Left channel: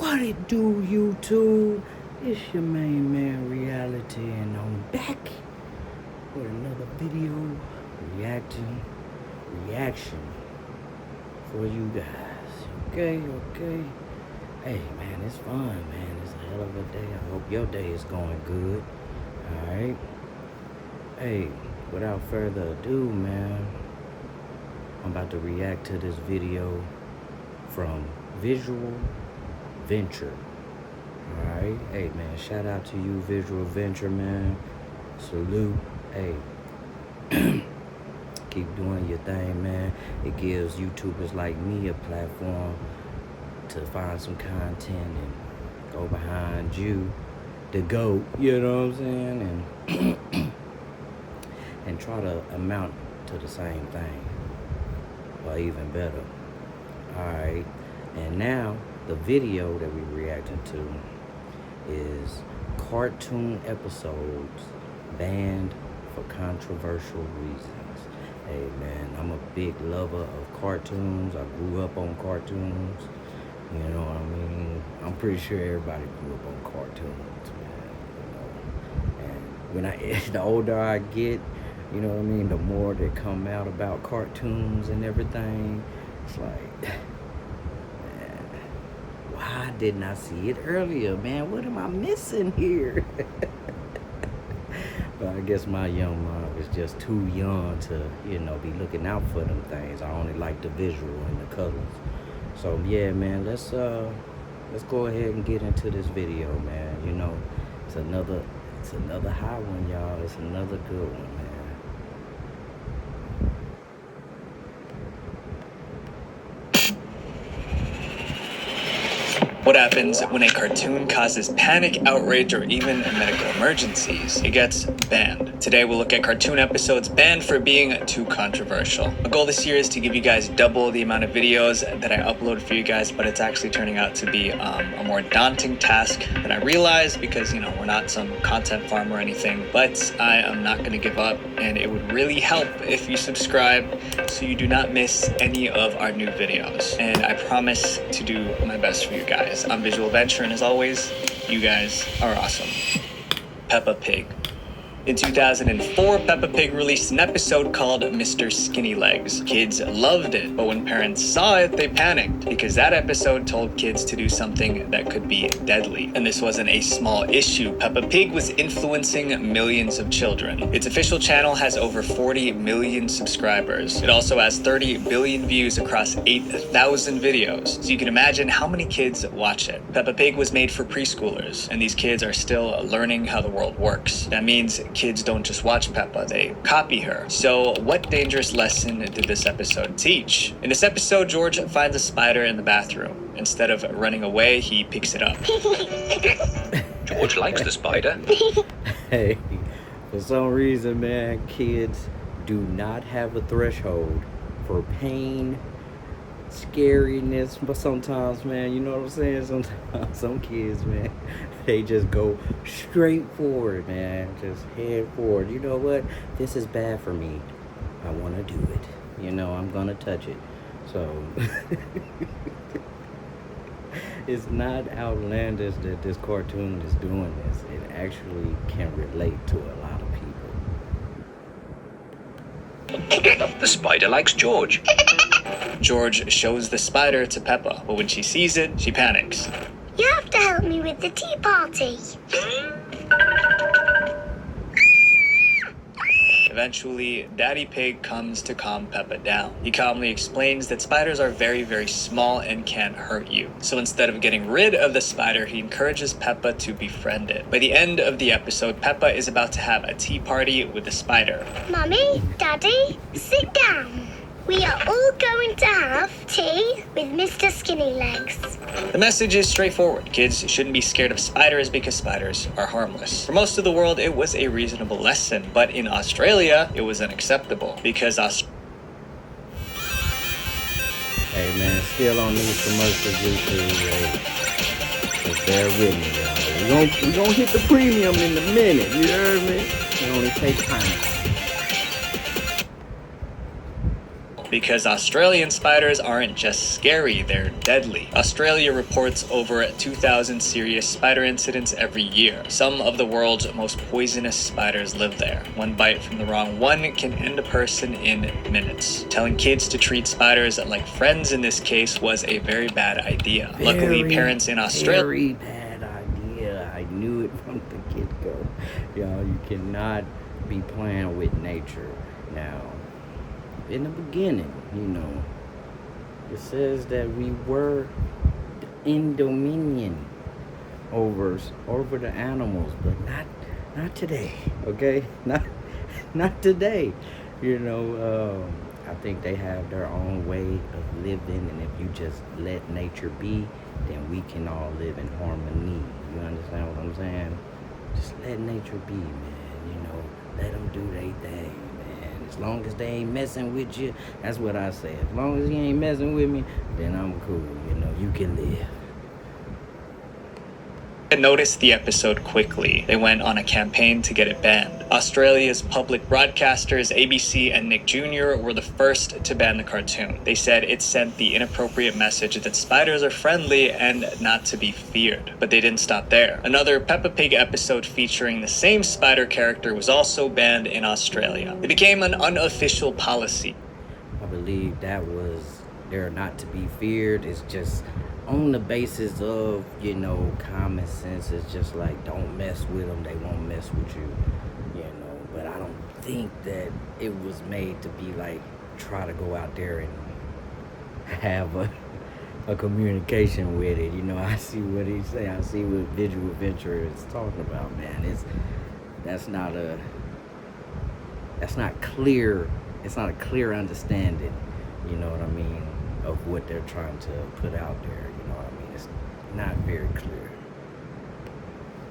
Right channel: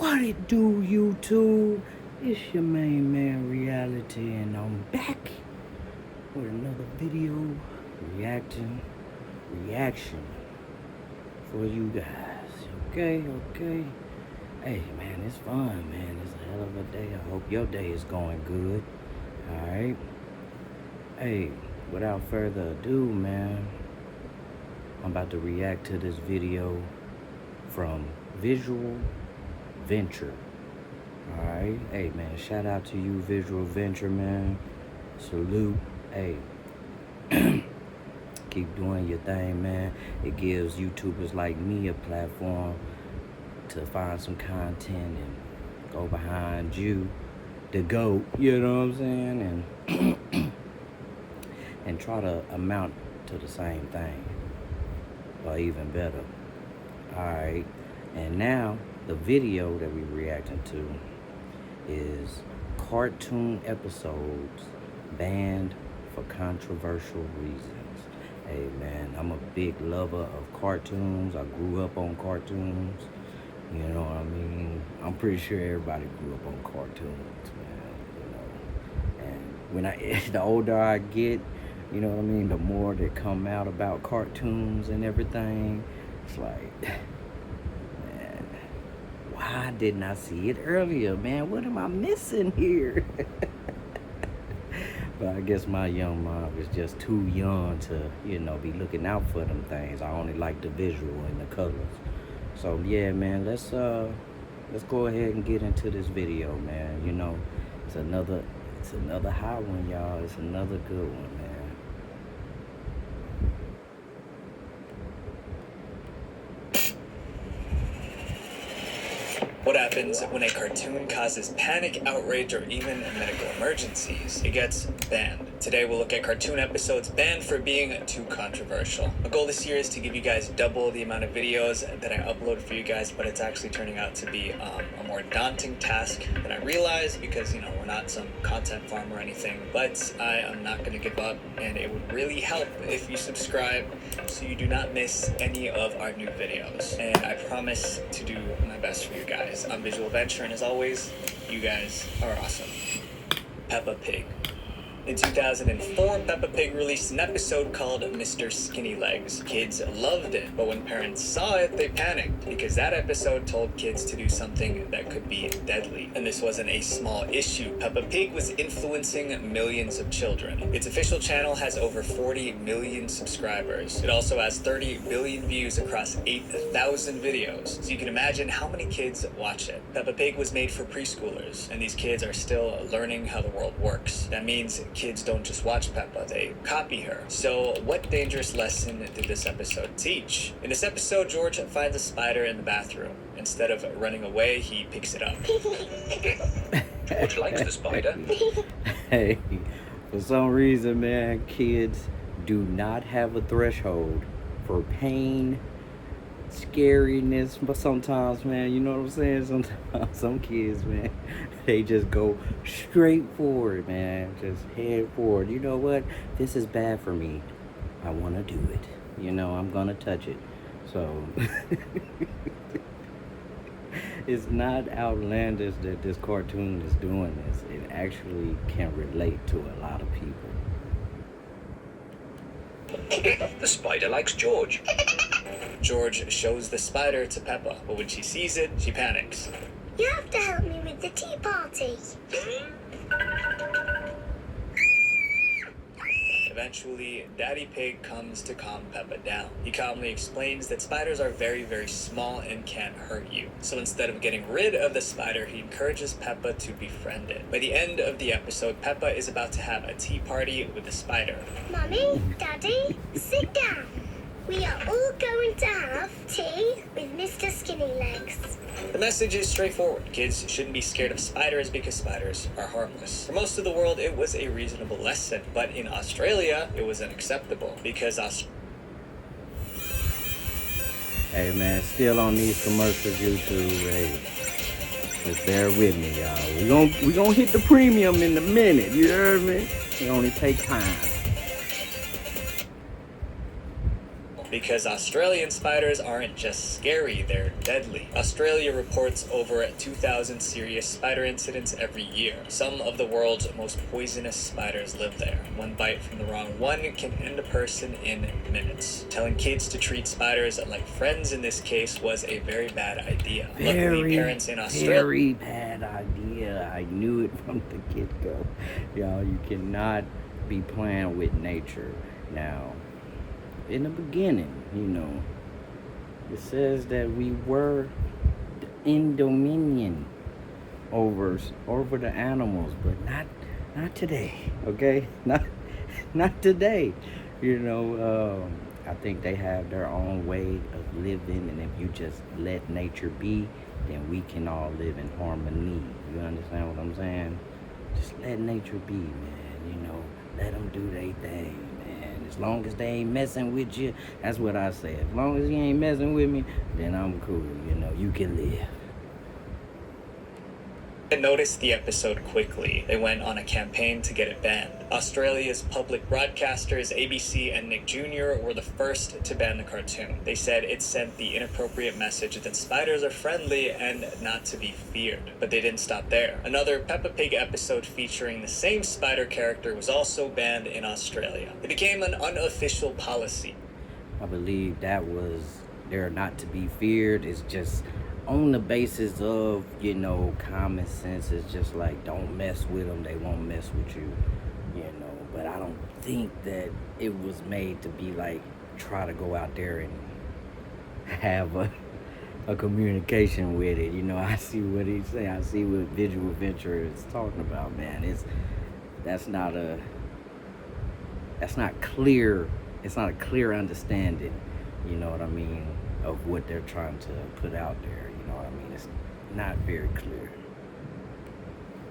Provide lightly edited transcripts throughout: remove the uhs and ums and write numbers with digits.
What it do, YouTube? It's your main man, Reality, and I'm back with another video reaction for you guys. Okay. Hey, man, it's fun, man. It's a hell of a day. I hope your day is going good. All right. Hey, without further ado, man, I'm about to react to this video from Visual Venture. Alright, hey man, shout out to you, Visual Venture, man. Salute. Hey, keep doing your thing, man. It gives YouTubers like me a platform to find some content and go behind you, the GOAT, you know what I'm saying? And try to amount to the same thing, or even better. Alright, and now the video that we're reacting to is cartoon episodes banned for controversial reasons. Hey man, I'm a big lover of cartoons. I grew up on cartoons. You know what I mean? I'm pretty sure everybody grew up on cartoons, man. You know, and when the older I get, you know what I mean, the more that come out about cartoons and everything. It's like, man, why didn't I see it earlier, man? What am I missing here? But I guess my young mind was just too young to, you know, be looking out for them things. I only like the visual and the colors. So yeah, man, let's go ahead and get into this video, man. You know, it's another high one, y'all. It's another good one, man. What happens when a cartoon causes panic, outrage, or even medical emergencies? It gets banned. Today we'll look at cartoon episodes banned for being too controversial. My goal this year is to give you guys double the amount of videos that I upload for you guys, but it's actually turning out to be a more daunting task than I realized because, you know, we're not some content farm or anything, but I am not going to give up, and it would really help if you subscribe so you do not miss any of our new videos. And I promise to do my best for you guys. I'm Visual Venture, and as always, you guys are awesome. Peppa Pig. In 2004, Peppa Pig released an episode called Mr. Skinny Legs. Kids loved it, but when parents saw it, they panicked because that episode told kids to do something that could be deadly. And this wasn't a small issue. Peppa Pig was influencing millions of children. Its official channel has over 40 million subscribers. It also has 30 billion views across 8,000 videos. So you can imagine how many kids watch it. Peppa Pig was made for preschoolers, and these kids are still learning how the world works. That means kids don't just watch Peppa, they copy her. So what dangerous lesson did this episode teach? In this episode, George finds a spider in the bathroom. Instead of running away, he picks it up. George likes the spider. Hey, for some reason, man, kids do not have a threshold for pain, scariness, but sometimes, man, you know what I'm saying? Sometimes some kids, man, they just go straight forward, man, just head forward. You know what? This is bad for me. I want to do it. You know, I'm gonna touch it. So it's not outlandish that this cartoon is doing this. It actually can relate to a lot of people. The spider likes George. George shows the spider to Peppa, but when she sees it, she panics. You have to help me with the tea party. Eventually, Daddy Pig comes to calm Peppa down. He calmly explains that spiders are very, very small and can't hurt you. So instead of getting rid of the spider, he encourages Peppa to befriend it. By the end of the episode, Peppa is about to have a tea party with the spider. Mummy, Daddy, sit down. We are all going to have tea with Mr. Skinny Legs. The message is straightforward. Kids shouldn't be scared of spiders because spiders are harmless. For most of the world, it was a reasonable lesson, but in Australia, it was unacceptable because Hey man, still on these commercials, YouTube. Hey, just bear with me, y'all. We gonna hit the premium in a minute. You heard me? It only takes time. Because Australian spiders aren't just scary, they're deadly. Australia reports over 2,000 serious spider incidents every year. Some of the world's most poisonous spiders live there. One bite from the wrong one can end a person in minutes. Telling kids to treat spiders like friends in this case was a very bad idea. Luckily, parents in Australia... Very bad idea. I knew it from the get-go. Y'all, you cannot be playing with nature. Now, in the beginning, you know, it says that we were in dominion over the animals, but not today, okay? Not today. You know, I think they have their own way of living, and if you just let nature be, then we can all live in harmony. You understand what I'm saying? Just let nature be, man. You know, let them do their thing. As long as they ain't messing with you, that's what I say. As long as you ain't messing with me, then I'm cool. You know, you can live. Noticed the episode quickly. They went on a campaign to get it banned. Australia's public broadcasters, ABC and Nick Jr., were the first to ban the cartoon. They said it sent the inappropriate message that spiders are friendly and not to be feared. But they didn't stop there. Another Peppa Pig episode featuring the same spider character was also banned in Australia. It became an unofficial policy. I believe that was they're not to be feared. It's just on the basis of, you know, common sense. It's just like, don't mess with them, they won't mess with you, you know. But I don't think that it was made to be like, try to go out there and have a communication with it. You know, I see what he's saying. I see what Visual Venture is talking about, man. That's not clear. It's not a clear understanding, you know what I mean, of what they're trying to put out there. You know what I mean? It's not very clear.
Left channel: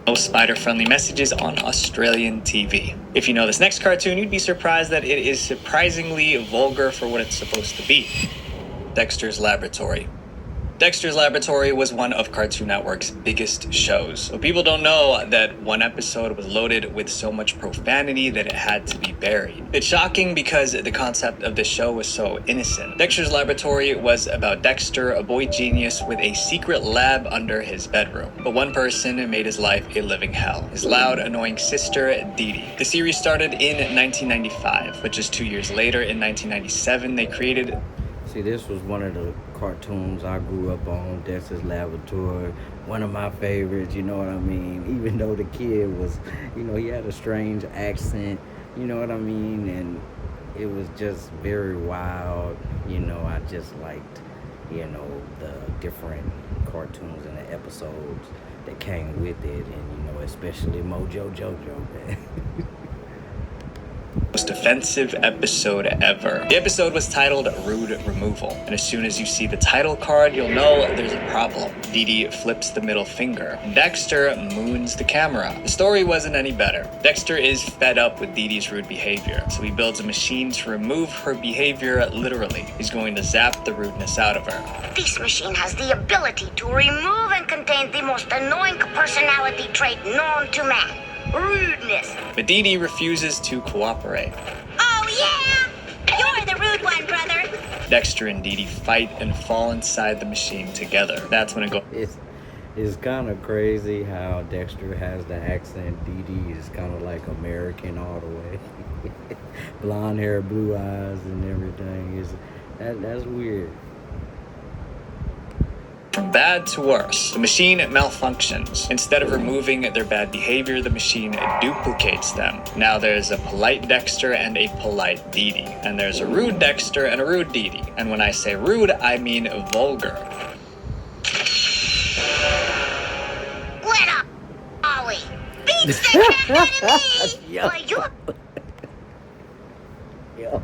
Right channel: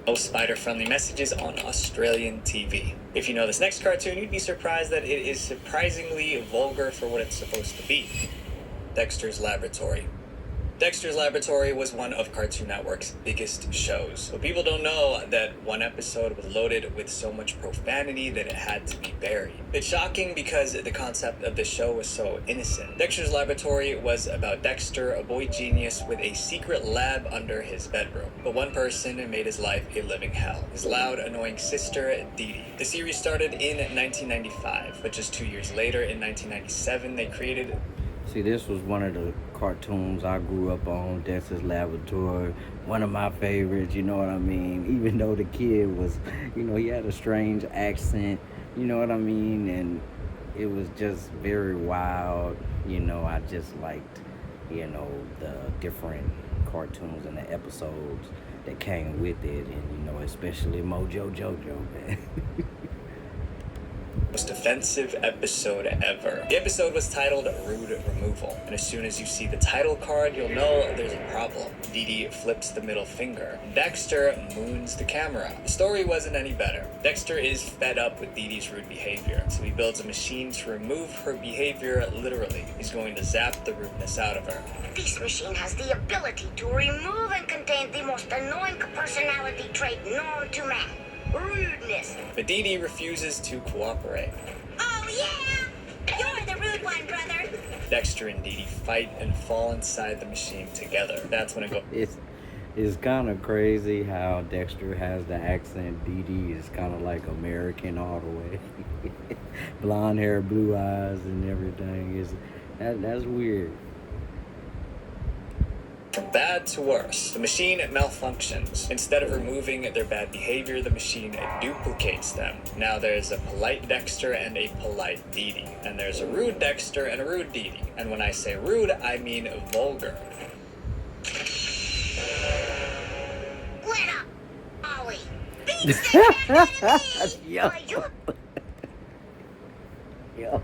No spider-friendly messages on Australian TV. If you know this next cartoon, you'd be surprised that it is surprisingly vulgar for what it's supposed to be. Dexter's Laboratory. Dexter's Laboratory was one of Cartoon Network's biggest shows. But people don't know that one episode was loaded with so much profanity that it had to be buried. It's shocking because the concept of the show was so innocent. Dexter's Laboratory was about Dexter, a boy genius with a secret lab under his bedroom. But one person made his life a living hell. His loud, annoying sister, Dee Dee. The series started in 1995, but just 2 years later, in 1997, they created... See, this was one of the cartoons I grew up on, Dexter's Laboratory, one of my favorites, you know what I mean? Even though the kid was, you know, he had a strange accent, you know what I mean? And it was just very wild, you know. I just liked, you know, the different cartoons and the episodes that came with it, and, you know, especially Mojo Jojo, man. Most offensive episode ever. The episode was titled Rude Removal, and as soon as you see the title card, you'll know there's a problem. Dee Dee flips the middle finger. Dexter moons the camera. The story wasn't any better. Dexter is fed up with Dee Dee's rude behavior, so he builds a machine to remove her behavior literally. He's going to zap the rudeness out of her. This machine has the ability to remove and contain the most annoying personality trait known to man. Rudeness. But Dee Dee refuses to cooperate. Oh, yeah? You're the rude one, brother. Dexter and Dee Dee fight and fall inside the machine together. That's when it goes. It's kind of crazy how Dexter has the accent. Dee Dee is kind of like American all the way. Blonde hair, blue eyes, and everything. That's weird. From bad to worse, the machine malfunctions. Instead of removing their bad behavior, the machine duplicates them. Now there's a polite Dexter and a polite Dee Dee. And there's a rude Dexter and a rude Dee Dee. And when I say rude, I mean vulgar. Let up, Ollie. Beat the Yo.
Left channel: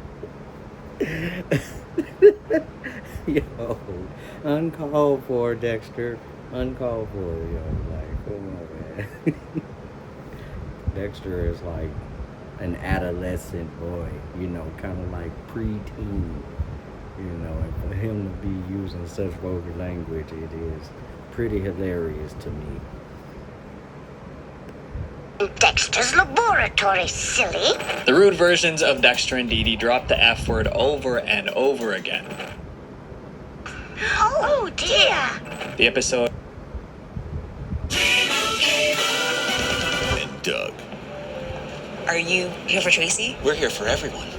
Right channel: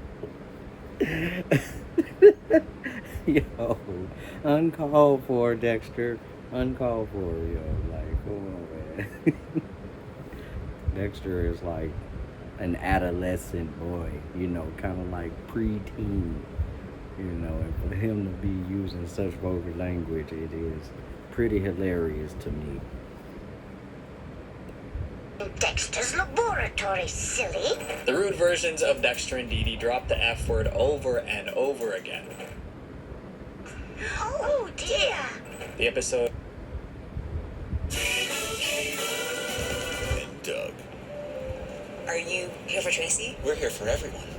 Yo, uncalled for, Dexter. Uncalled for, yo. Like, come on, man. Dexter is like an adolescent boy, you know, kind of like preteen, you know, and for him to be using such vulgar language, it is pretty hilarious to me. Dexter's laboratory, silly. The rude versions of Dexter and Dee Dee dropped the F word over and over again. Oh dear. The episode And Doug. Are you here for Tracy? We're here for everyone.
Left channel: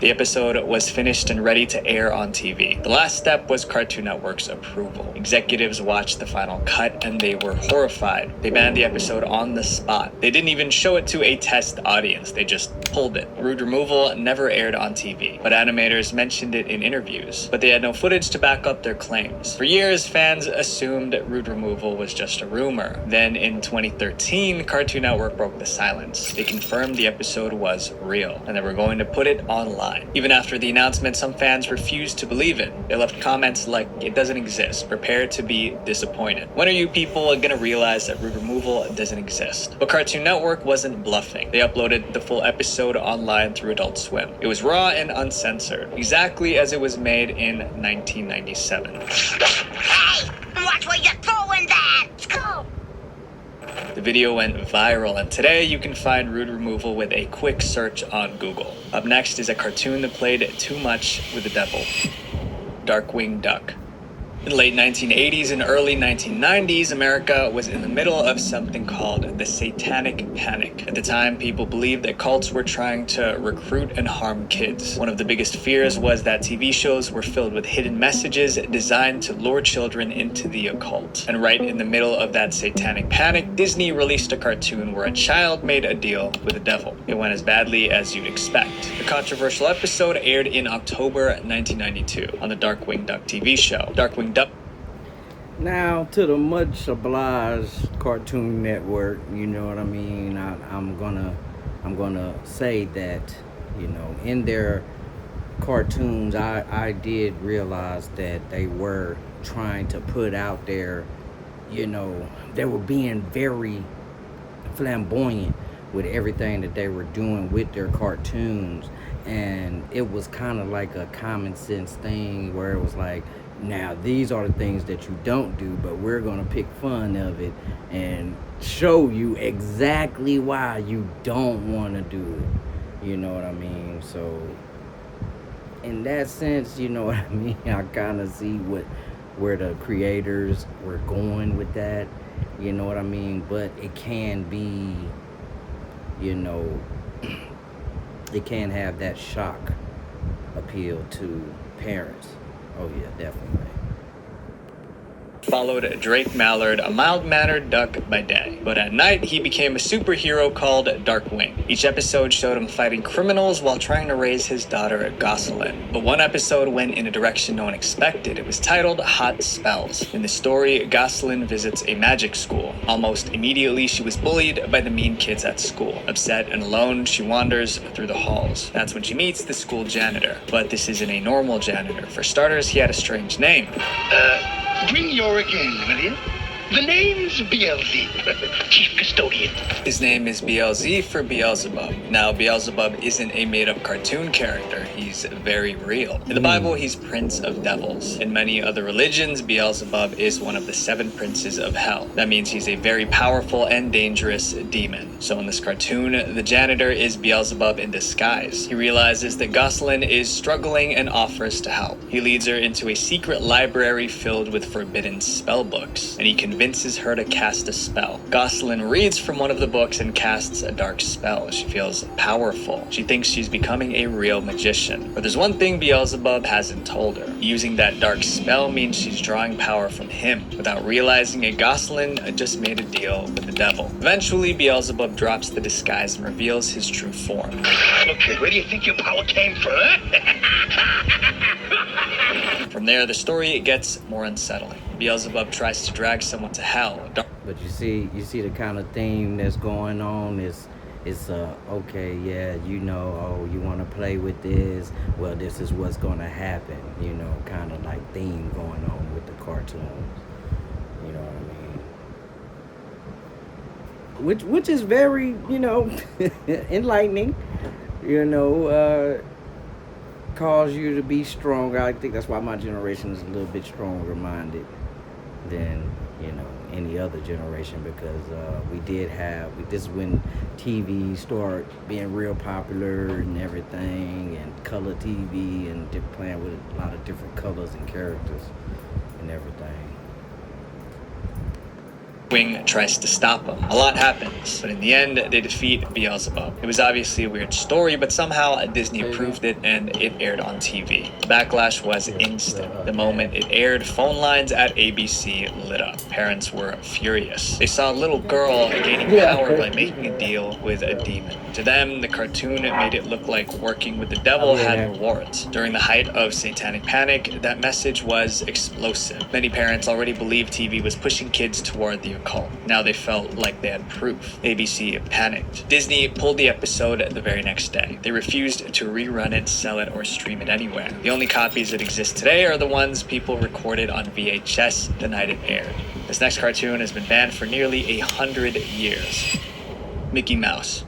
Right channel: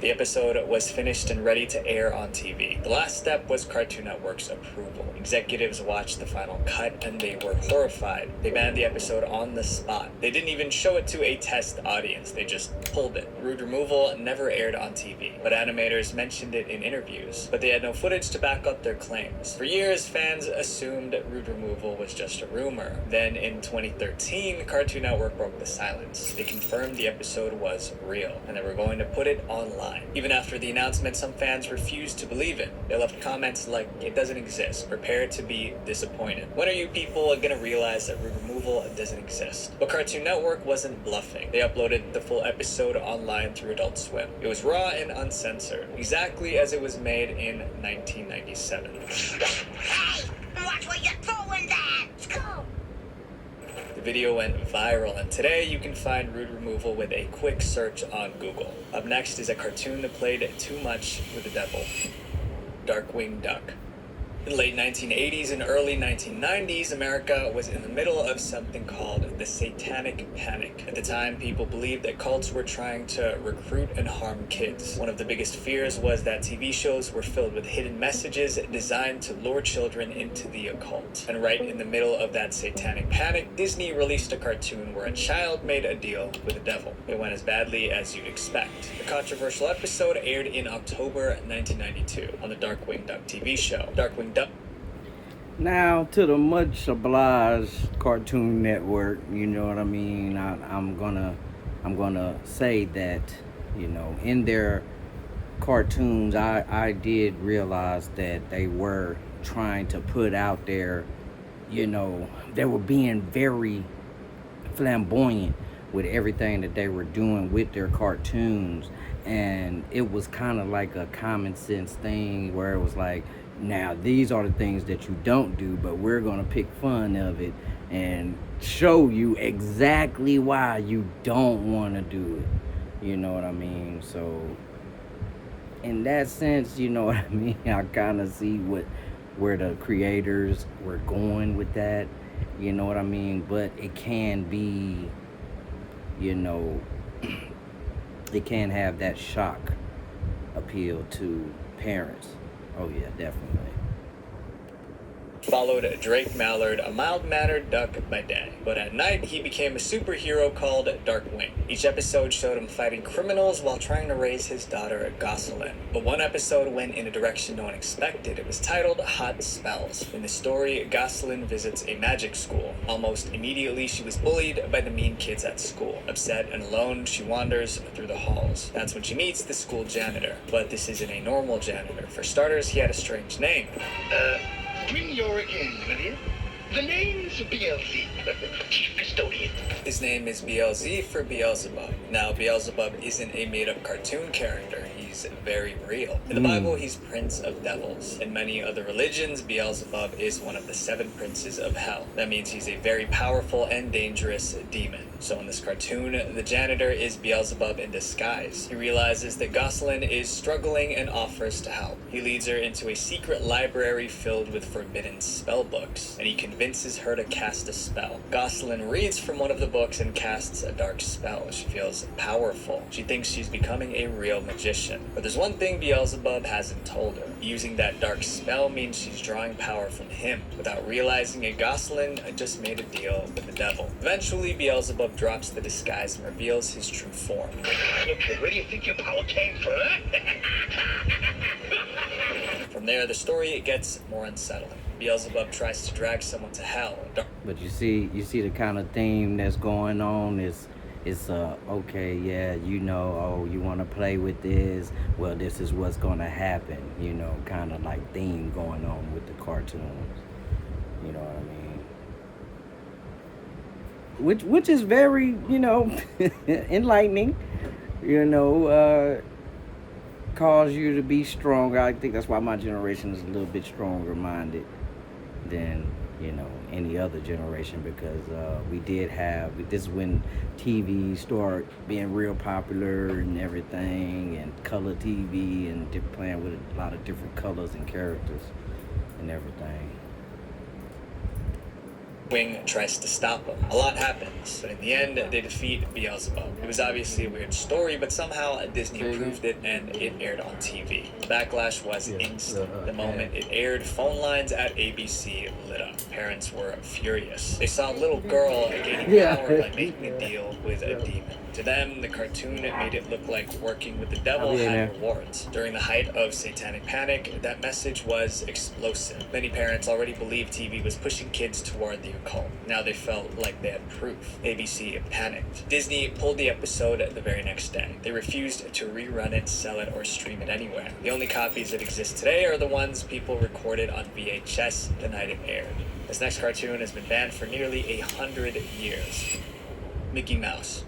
The episode was finished and ready to air on TV. The last step was Cartoon Network's approval. Executives watched the final cut and they were horrified. They banned the episode on the spot. They didn't even show it to a test audience. They just pulled it. Rude removal never aired on TV, but animators mentioned it in interviews. But they had no footage to back up their claims. For years, fans assumed rude removal was just a rumor. Then in 2013, Cartoon Network broke the silence. They confirmed the episode was real and they were going to put it online. Even after the announcement, some fans refused to believe it. They left comments like, "It doesn't exist. Prepare to be disappointed." When are you people gonna realize that rude removal doesn't exist? But Cartoon Network wasn't bluffing. They uploaded the full episode online through Adult Swim. It was raw and uncensored, exactly as it was made in 1997. Hey, watch where you're throwing that. Go. The video went viral, and today you can find rude removal with a quick search on Google. Up next is a cartoon that played too much with the devil. Darkwing Duck. In the late 1980s and early 1990s, America was in the middle of something called the Satanic Panic. At the time, people believed that cults were trying to recruit and harm kids. One of the biggest fears was that TV shows were filled with hidden messages designed to lure children into the occult. And right in the middle of that Satanic Panic, Disney released a cartoon where a child made a deal with the devil. It went as badly as you'd expect. The controversial episode aired in October 1992 on the Darkwing Duck TV show. Darkwing Duck. Now, to the much obliged Cartoon Network, you know what I mean? I'm gonna say that, you know, in their cartoons, I did realize that they were trying to put out there, you know, they were being very flamboyant with everything that they were doing with their cartoons, and it was kind of like a common sense thing where it was like, now these are the things that you don't do, but we're gonna pick fun of it and show you exactly why you don't want to do it. You know what I mean? So in that sense, you know what I mean, I kind of see where the creators were going with that, you know what I mean? But it can be, you know, it can have that shock appeal to parents. Oh yeah, definitely. Followed Drake Mallard, a mild-mannered duck by day. But at night, he became a superhero called Darkwing. Each episode showed him fighting criminals while trying to raise his daughter, Gosselin. But one episode went in a direction no one expected. It was titled Hot Spells. In the story, Gosselin visits a magic school. Almost immediately, she was bullied by the mean kids at school. Upset and alone, she wanders through the halls. That's when she meets the school janitor. But this isn't a normal janitor. For starters, he had a strange name. Bring your again, will you? The name's Beelzebub, chief custodian. His name is BLZ for Beelzebub. Now, Beelzebub isn't a made-up cartoon character. He's very real. In the Bible, he's Prince of Devils. In many other religions, Beelzebub is one of the 7 princes of hell. That means he's a very powerful and dangerous demon. So in this cartoon, the janitor is Beelzebub in disguise. He realizes that Gosselin is struggling and offers to help. He leads her into a secret library filled with forbidden spell books, and he convinces her to cast a spell. Gosselin reads from one of the books and casts a dark spell. She feels powerful. She thinks she's becoming a real magician. But there's one thing Beelzebub hasn't told her. Using that dark spell means she's drawing power from him. Without realizing it, Gosselin just made a deal with the devil. Eventually, Beelzebub drops the disguise and reveals his true form. Okay, where do you think your power came from, huh? From there, the story gets more unsettling. Beelzebub tries to drag someone to hell. But you see the kind of theme that's going on is okay, yeah, you know, oh, you want to play with this, well, this is what's going to happen, you know, kind of like theme going on with the cartoons, you know what I mean? Which is very, you know, enlightening, you know, cause you to be stronger. I think that's why my generation is a little bit stronger minded, than, you know, any other generation, because this is when TV started being real popular and everything, and color TV, and playing with a lot of different colors and characters and everything. Wing tries to stop him. A lot happens, but in the end, they defeat Beelzebub. It was obviously a weird story, but somehow Disney approved it and it aired on TV. The backlash was instant. The moment it aired, phone lines at ABC lit up. Parents were furious. They saw a little girl gaining power by making a deal with a demon. To them, the cartoon made it look like working with the devil had rewards. During the height of Satanic Panic, that message was explosive. Many parents already believed TV was pushing kids toward the occult. Now they felt like they had proof. ABC panicked. Disney pulled the episode the very next day. They refused to rerun it, sell it, or stream it anywhere. The only copies that exist today are the ones people recorded on VHS the night it aired. This next cartoon has been banned for nearly 100 years. Mickey Mouse.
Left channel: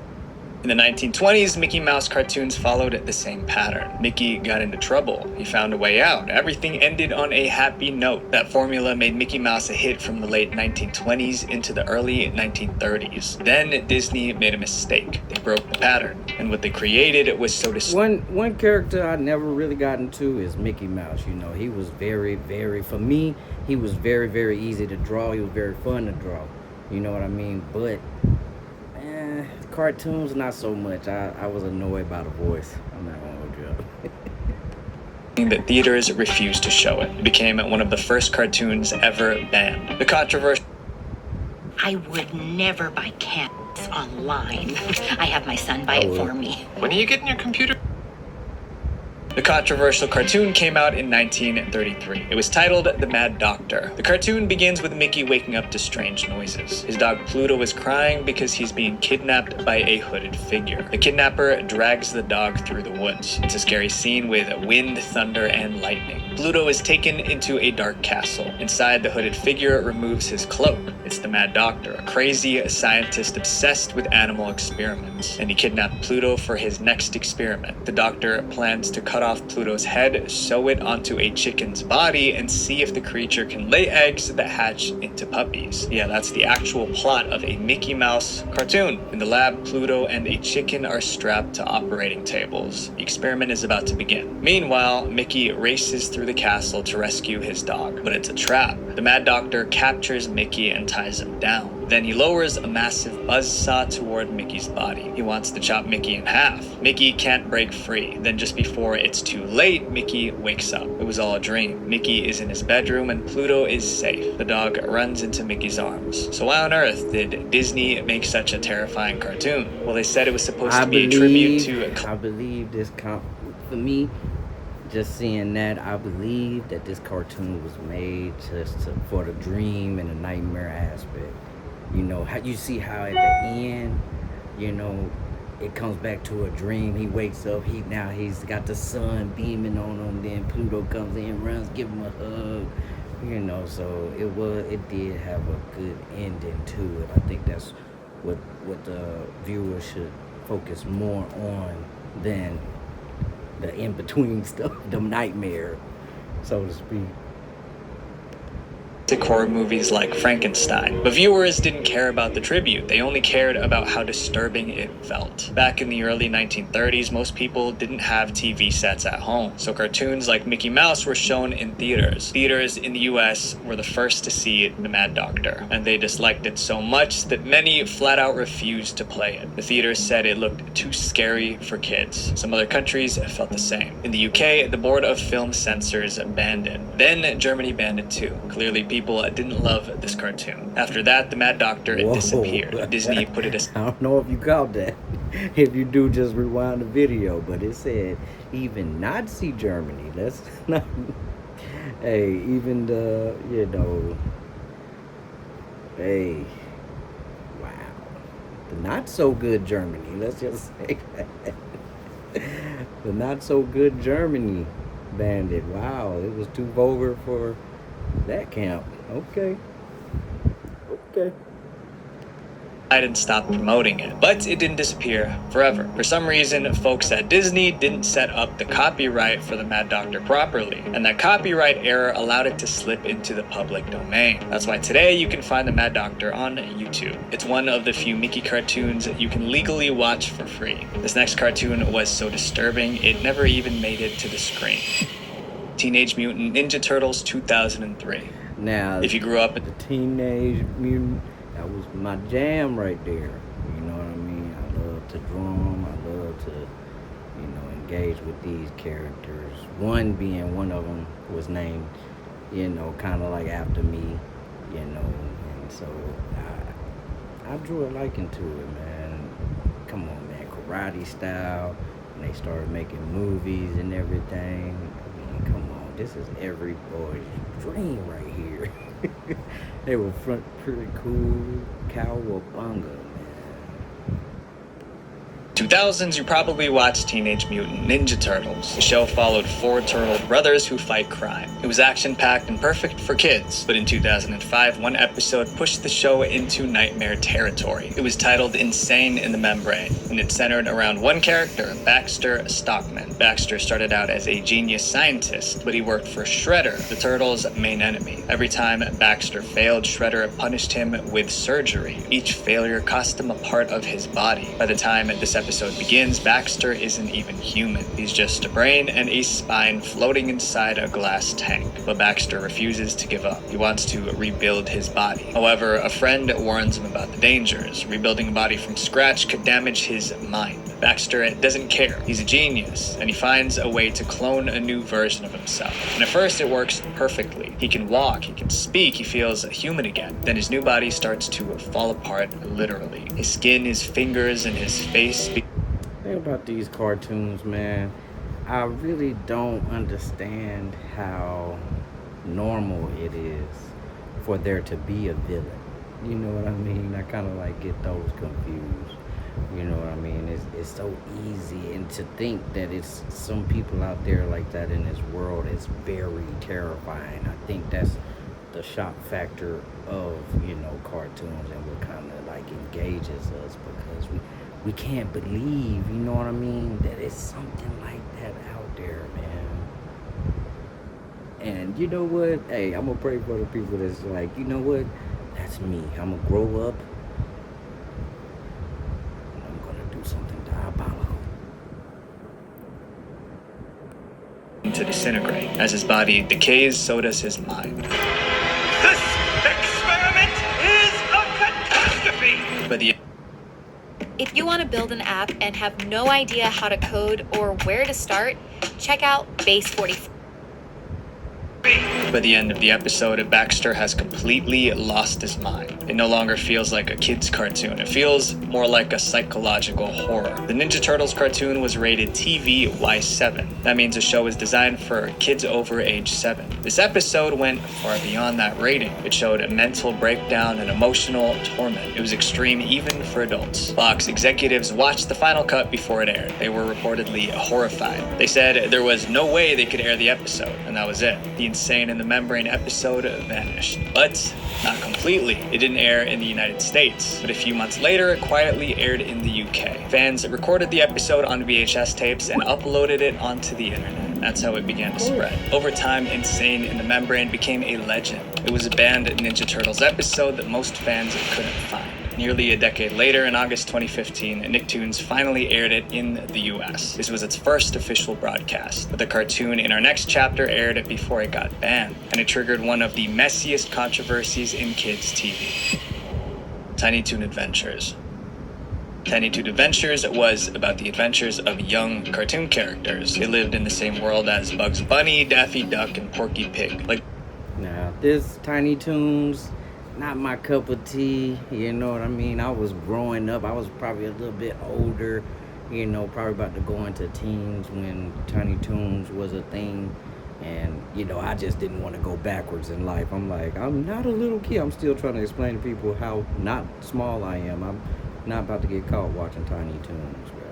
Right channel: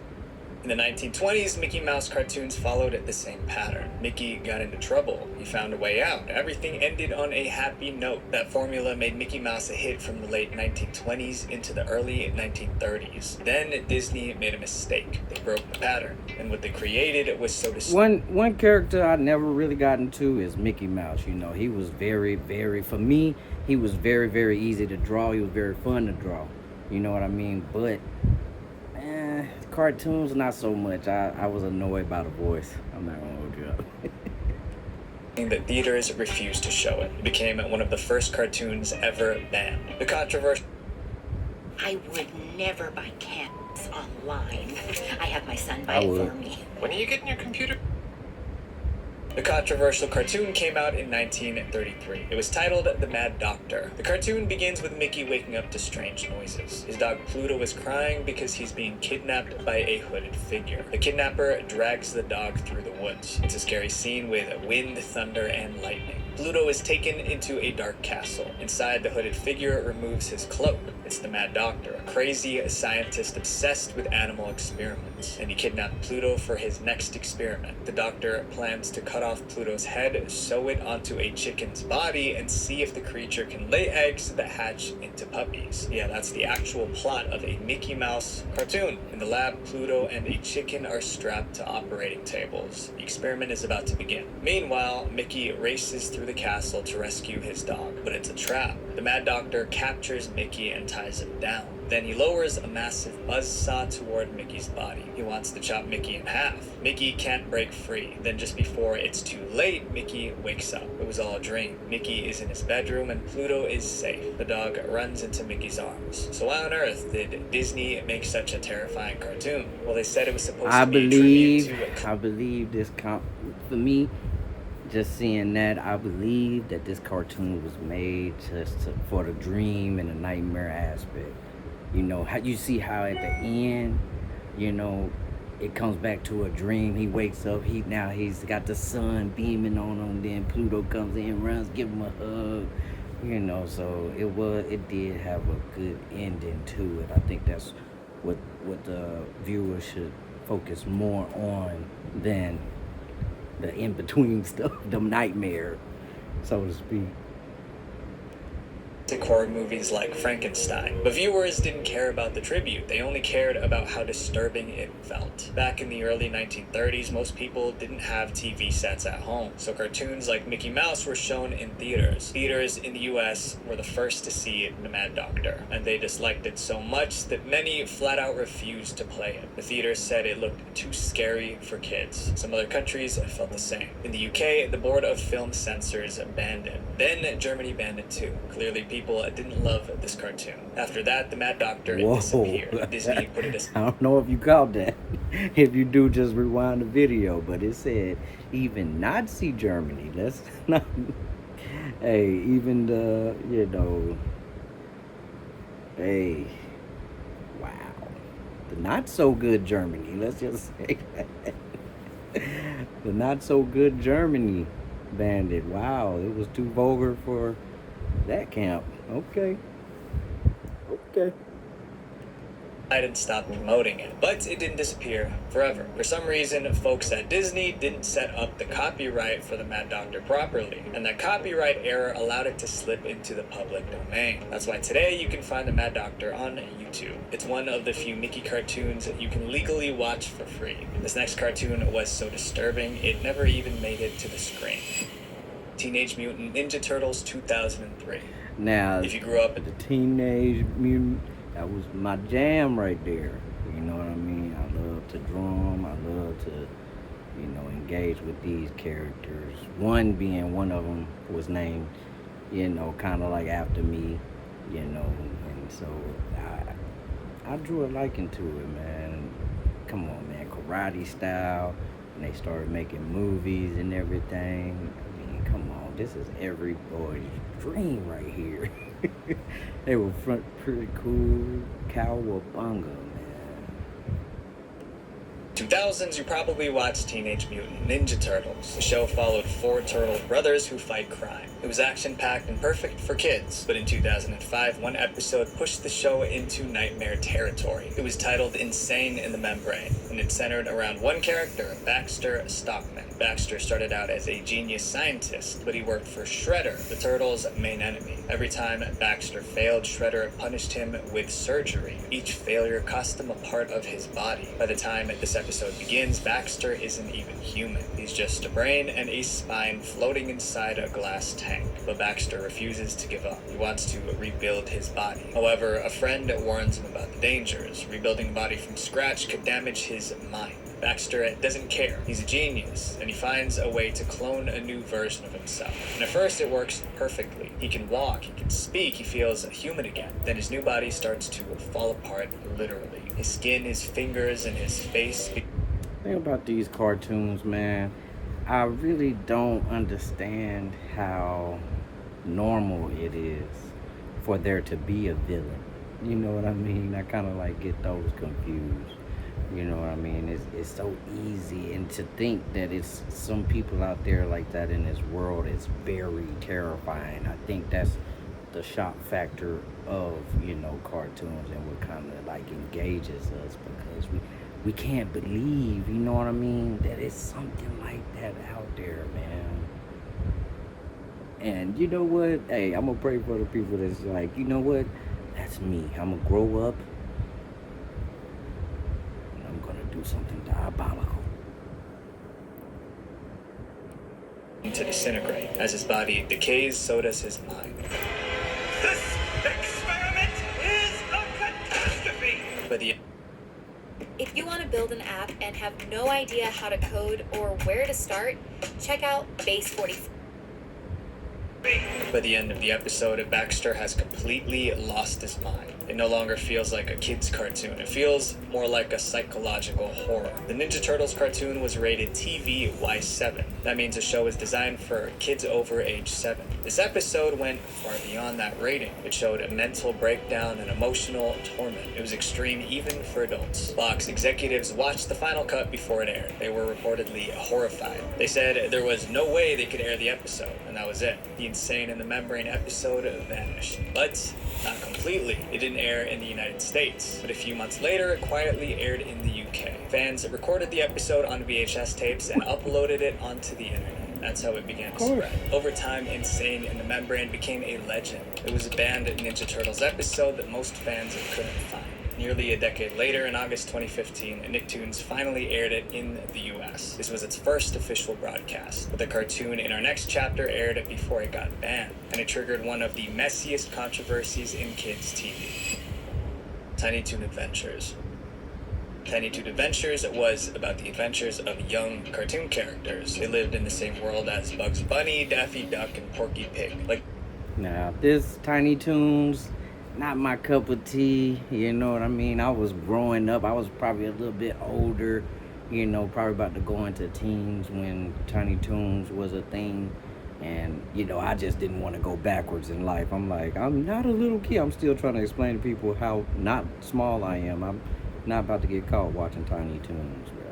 In the 1920s, Mickey Mouse cartoons followed the same pattern. Mickey got into trouble. He found a way out. Everything ended on a happy note. That formula made Mickey Mouse a hit from the late 1920s into the early 1930s. Then Disney made a mistake. They broke the pattern. And what they created was so one character I never really got into is Mickey Mouse. You know, he was very, for me, he was very, very easy to draw. He was very fun to draw. You know what I mean? But cartoons, not so much. I was annoyed by the voice. I'm not gonna hold you up. The theaters refused to show it. It became one of the first cartoons ever banned. The controversial. I would never buy cats online. I have my son buy it for me. When are you getting your computer? The controversial cartoon came out in 1933. It was titled The Mad Doctor. The cartoon begins with Mickey waking up to strange noises. His dog Pluto is crying because he's being kidnapped by a hooded figure. The kidnapper drags the dog through the woods. It's a scary scene with wind, thunder, and lightning. Pluto is taken into a dark castle. Inside, the hooded figure removes his cloak. It's the Mad Doctor, a crazy scientist obsessed with animal experiments. And he kidnapped Pluto for his next experiment. The doctor plans to cut off Pluto's head, sew it onto a chicken's body, and see if the creature can lay eggs that hatch into puppies. Yeah, that's the actual plot of a Mickey Mouse cartoon. In the lab, Pluto and a chicken are strapped to operating tables. The experiment is about to begin. Meanwhile, Mickey races through the castle to rescue his dog, but it's a trap. The Mad Doctor captures Mickey and ties him down. Then he lowers a massive buzzsaw toward Mickey's body. He wants to chop Mickey in half. Mickey can't break free. Then just before it's too late, Mickey wakes up. It was all a dream. Mickey is in his bedroom and Pluto is safe. The dog runs into Mickey's arms. So why on earth did Disney make such a terrifying cartoon? Well, they said it was supposed to be a tribute to... I believe this for me, just seeing that, I believe that this cartoon was made for the dream and the nightmare aspect. You know, how you see how at the end, you know, it comes back to a dream. He wakes up, he's got the sun beaming on him, then Pluto comes in, runs, give him a hug, you know, so it did have a good ending to it. I think that's what the viewers should focus more on than the in-between stuff, the nightmare, so to speak. Horror movies like Frankenstein. But viewers didn't care about the tribute. They only cared about how disturbing it felt. Back in the early 1930s, most people didn't have TV sets at home, so cartoons like Mickey Mouse were shown in theaters. Theaters in the US were the first to see The Mad Doctor, and they disliked it so much that many flat out refused to play it. The theaters said it looked too scary for kids. Some other countries felt the same. In the UK, the Board of Film Censors banned it. Then Germany banned it too. Clearly, people didn't love this cartoon. After that, The Mad Doctor disappeared. Disney put it aside. I don't know if you caught that. If you do, just rewind the video. But it said even Nazi Germany. Let's not. Hey, even the, you know. Hey, wow. The not so good Germany. Let's just say that. The not so good Germany banned it. Wow, it was too vulgar for that camp. Okay. and stopped promoting it. But it didn't disappear forever. For some reason, folks at Disney didn't set up the copyright for the Mad Doctor properly, and that copyright error allowed it to slip into the public domain. That's why today you can find the Mad Doctor on YouTube. It's one of the few Mickey cartoons that you can legally watch for free. This next cartoon was so disturbing, it never even made it to the screen. Teenage Mutant Ninja Turtles 2003. Now, if you grew up the Teenage Mutant, that was my jam right there. You know what I mean? I love to drum. I love to, you know, engage with these characters. One being one of them was named, you know, kind of like after me, you know. And so I drew a liking to it, man. Come on, man. Karate style. When they started making movies and everything. I mean, come on. This is every boy's dream right here. They were pretty cool. Cowabunga, man. 2000s, you probably watched Teenage Mutant Ninja Turtles. The show followed 4 turtle brothers who fight crime. It was action-packed and perfect for kids, but in 2005, one episode pushed the show into nightmare territory. It was titled Insane in the Membrane, and it centered around one character, Baxter Stockman. Baxter started out as a genius scientist, but he worked for Shredder, the Turtles' main enemy. Every time Baxter failed, Shredder punished him with surgery. Each failure cost him a part of his body. By the time this episode begins, Baxter isn't even human. He's just a brain and a spine floating inside a glass tank. But Baxter refuses to give up. He wants to rebuild his body. However, a friend warns him about the dangers. Rebuilding a body from scratch could damage his mind. Baxter doesn't care. He's a genius, and he finds a way to clone a new version of himself. And at first it works perfectly. He can walk, he can speak, he feels human again. Then his new body starts to fall apart literally. His skin, his fingers, and his face. The thing about these cartoons, man, I really don't understand how normal it is for there to be a villain. You know what I mean? I kind of like get those confused. You know what I mean? It's so easy, and to think that it's some people out there like that in this world is very terrifying. I think that's the shock factor of, you know, cartoons, and what kind of like engages us, because we can't believe, you know what I mean, that it's something like that out there, man. And you know what? Hey, I'm gonna pray for the people that's like, you know what? That's me. I'm gonna grow up. And I'm gonna do something diabolical. To disintegrate. As his body decays, so does his mind. This experiment is a catastrophe! But the If you want to build an app and have no idea how to code or where to start, check out Base 44. By the end of the episode, Baxter has completely lost his mind. It no longer feels like a kid's cartoon. It feels more like a psychological horror. The Ninja Turtles cartoon was rated TV Y7. That means the show is designed for kids over age 7. This episode went far beyond that rating. It showed a mental breakdown and emotional torment. It was extreme even for adults. Fox executives watched the final cut before it aired. They were reportedly horrified. They said there was no way they could air the episode, and that was it. The Insane in the Membrane episode vanished. But not completely. It didn't air in the United States, but a few months later, it quietly aired in the UK. Fans recorded the episode on VHS tapes and uploaded it onto the internet. That's how it began to spread. Over time, Insane in the Membrane became a legend. It was a banned Ninja Turtles episode that most fans couldn't find. Nearly a decade later, in August 2015, Nicktoons finally aired it in the US. This was its first official broadcast. But the cartoon in our next chapter aired it before it got banned, and it triggered one of the messiest controversies in kids' TV. Tiny Toon Adventures. Tiny Toon Adventures was about the adventures of young cartoon characters. They lived in the same world as Bugs Bunny, Daffy Duck, and Porky Pig. Now, this Tiny Toons, not my cup of tea, you know what I mean? I was growing up, I was probably a little bit older, you know, probably about to go into teens when Tiny Toons was a thing. And, you know, I just didn't want to go backwards in life. I'm like, I'm not a little kid. I'm still trying to explain to people how not small I am. I'm not about to get caught watching Tiny Toons, bro.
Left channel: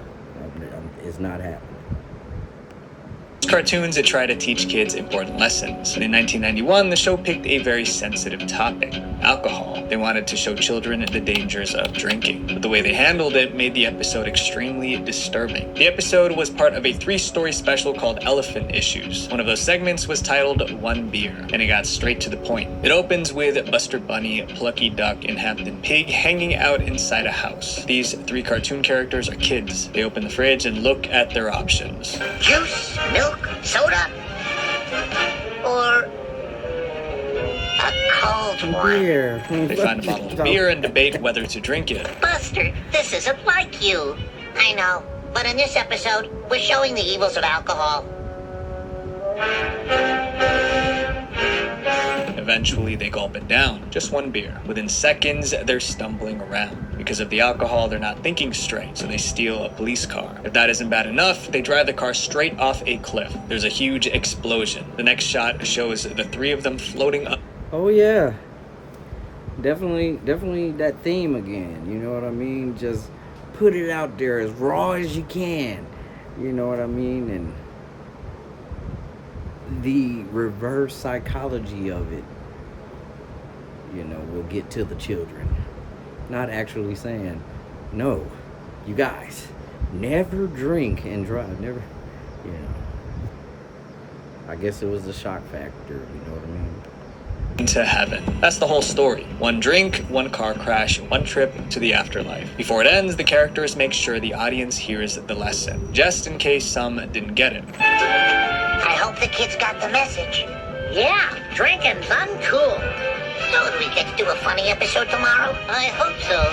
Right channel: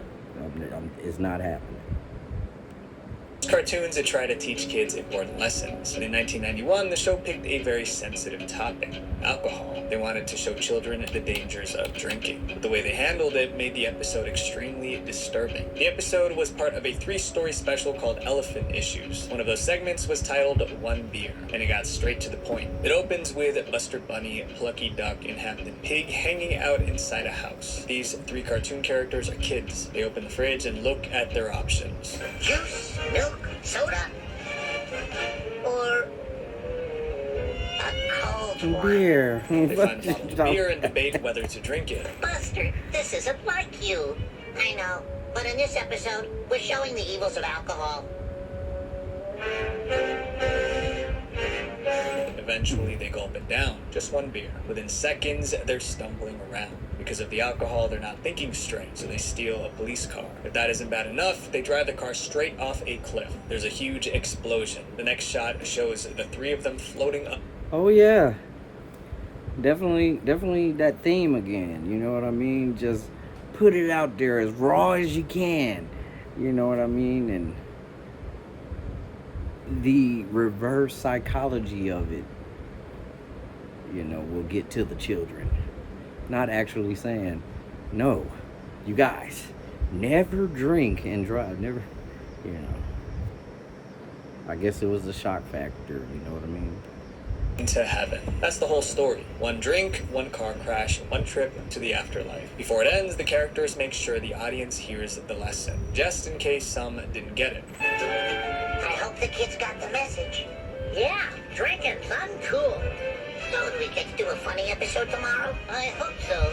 It's not happening. Cartoons that try to teach kids important lessons. In 1991, the show picked a very sensitive topic, alcohol. They wanted to show children the dangers of drinking, but the way they handled it made the episode extremely disturbing. The episode was part of a 3-story special called Elephant Issues. One of those segments was titled One Beer, and it got straight to the point. It opens with Buster Bunny, Plucky Duck, and Hampton Pig hanging out inside a house. These 3 cartoon characters are kids. They open the fridge and look at their options. Juice, milk, soda, or a cold one. Beer. They find a bottle of beer and debate whether to drink it. Buster, this isn't like you. I know, but in this episode, we're showing the evils of alcohol. Eventually, they gulp it down. Just 1 beer. Within seconds, they're stumbling around. Because of the alcohol, they're not thinking straight, so they steal a police car. If that isn't bad enough, they drive the car straight off a cliff. There's a huge explosion. The next shot shows the 3 of them floating up. Oh yeah, definitely that theme again. You know what I mean? Just put it out there as raw as you can. You know what I mean? And the reverse psychology of it, you know, will get to the children. Not actually saying, no, you guys, never drink and drive. Never, you know. I guess it was the shock factor. You know what I mean? Into heaven. That's the whole story. 1 drink, 1 car crash, 1 trip to the afterlife. Before it ends, the characters make sure the audience hears the lesson, just in case some didn't get it. I hope the kids got the message. Yeah, drinking's uncool. So do we get to do a funny episode tomorrow? I hope so.